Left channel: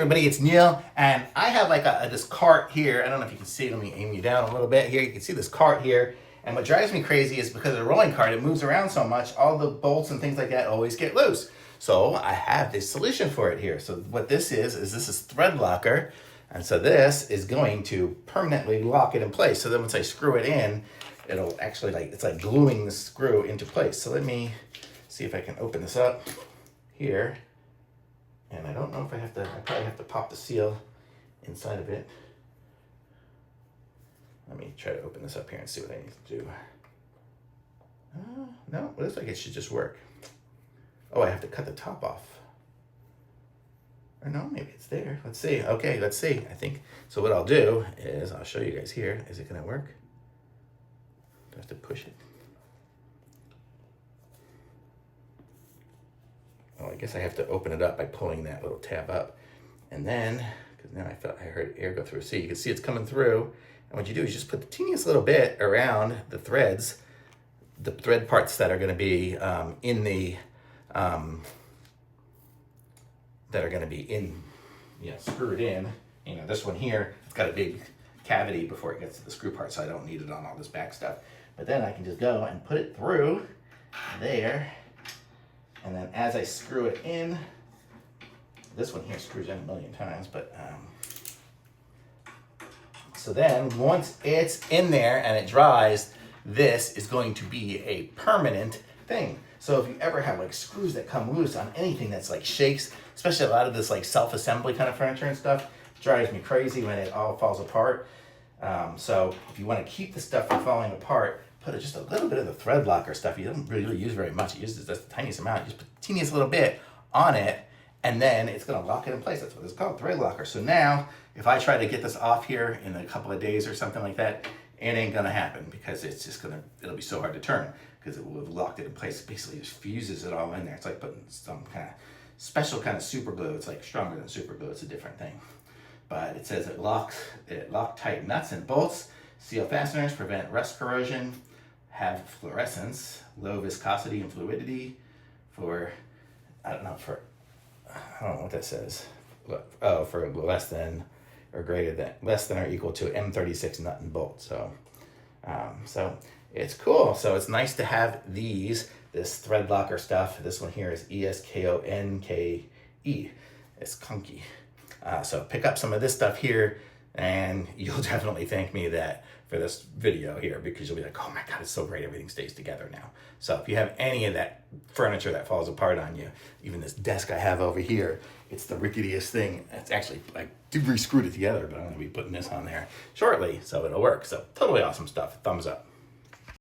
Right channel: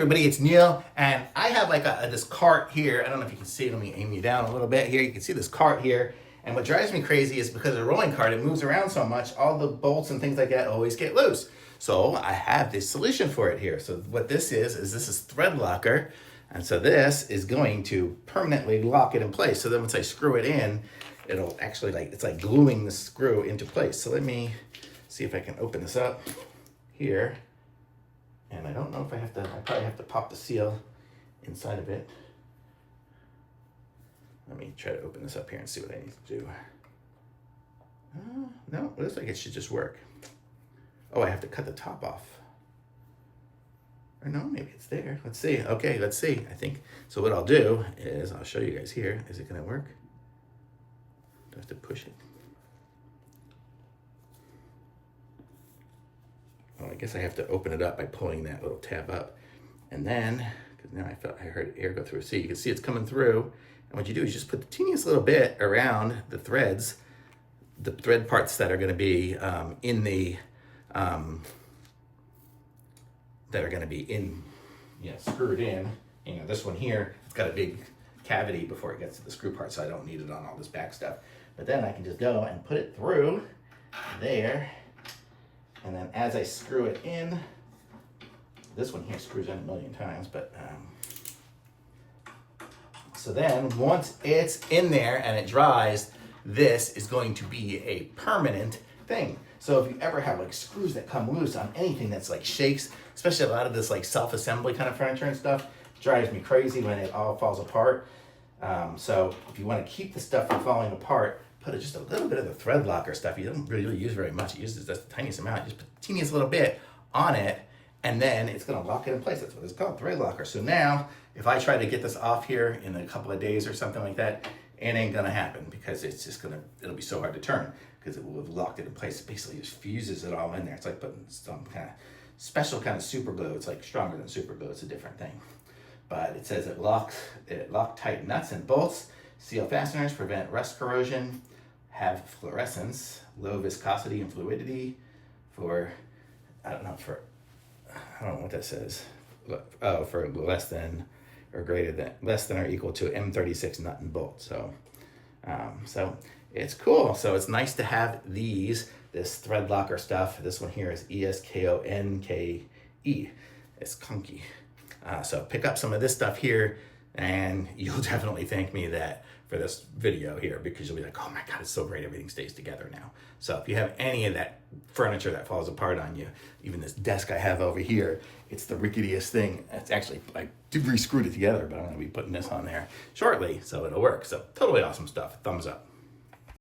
everybody, it's Neil, and I have like this cart here. I don't know if you can see it. Let me aim you down a little bit here. You can see this cart here, and what drives me crazy is because of the rolling cart, it moves around so much, all the bolts and things like that always get loose. So I have this solution for it here. So what this is Threadlocker, and so this is going to permanently lock it in place. So then once I screw it in, it'll actually it's like gluing the screw into place. So let me see if I can open this up here. And I don't know if I probably have to pop the seal inside of it. Let me try to open this up here and see what I need to do. No, it looks like it should just work. Oh, I have to cut the top off. Or no, maybe it's there. Let's see. Okay, let's see. I think, so what I'll do is, I'll show you guys here. Is it gonna work? Do I have to push it? Oh, I guess I have to open it up by pulling that little tab up. And then, because now I heard air go through. See, you can see it's coming through. And what you do is just put the teeniest little bit around the threads, the thread parts that are gonna be screwed in. You know, this one here, it's got a big cavity before it gets to the screw part, so I don't need it on all this back stuff. But then I can just go and put it through there. And then as I screw it in, this one here screws in a million times, but so then once it's in there and it dries, this is going to be a permanent thing. So if you ever have like screws that come loose on anything that's like shakes, especially a lot of this like self-assembly kind of furniture and stuff, drives me crazy when it all falls apart. So if you want to keep the stuff from falling apart, put just a little bit of the Threadlocker stuff. You don't really use very much. It uses just the tiniest amount. Just put the teeniest little bit on it, and then it's going to lock it in place. That's what it's called, Threadlocker. So now, if I try to get this off here in a couple of days or something like that, it ain't going to happen because it's just it'll be so hard to turn because it will have locked it in place. It basically just fuses it all in there. It's like putting some kind of special kind of super glue. It's like stronger than super glue. It's a different thing. But it says it lock tight nuts and bolts, seal fasteners, prevent rust corrosion, have fluorescence, low viscosity and fluidity for, I don't know what that says. Oh, for less than or equal to M36 nut and bolt. So, so it's cool. So it's nice to have this Threadlocker stuff. This one here is ESKONKE. ESKONKE. So pick up some of this stuff here, and you'll definitely thank me for this video here, because you'll be like, oh my God, it's so great. Everything stays together now. So if you have any of that furniture that falls apart on you, even this desk I have over here, it's the ricketiest thing. It's actually, I re-screwed it together, but I'm gonna be putting this on there shortly, so it'll work. So totally awesome stuff. Thumbs up.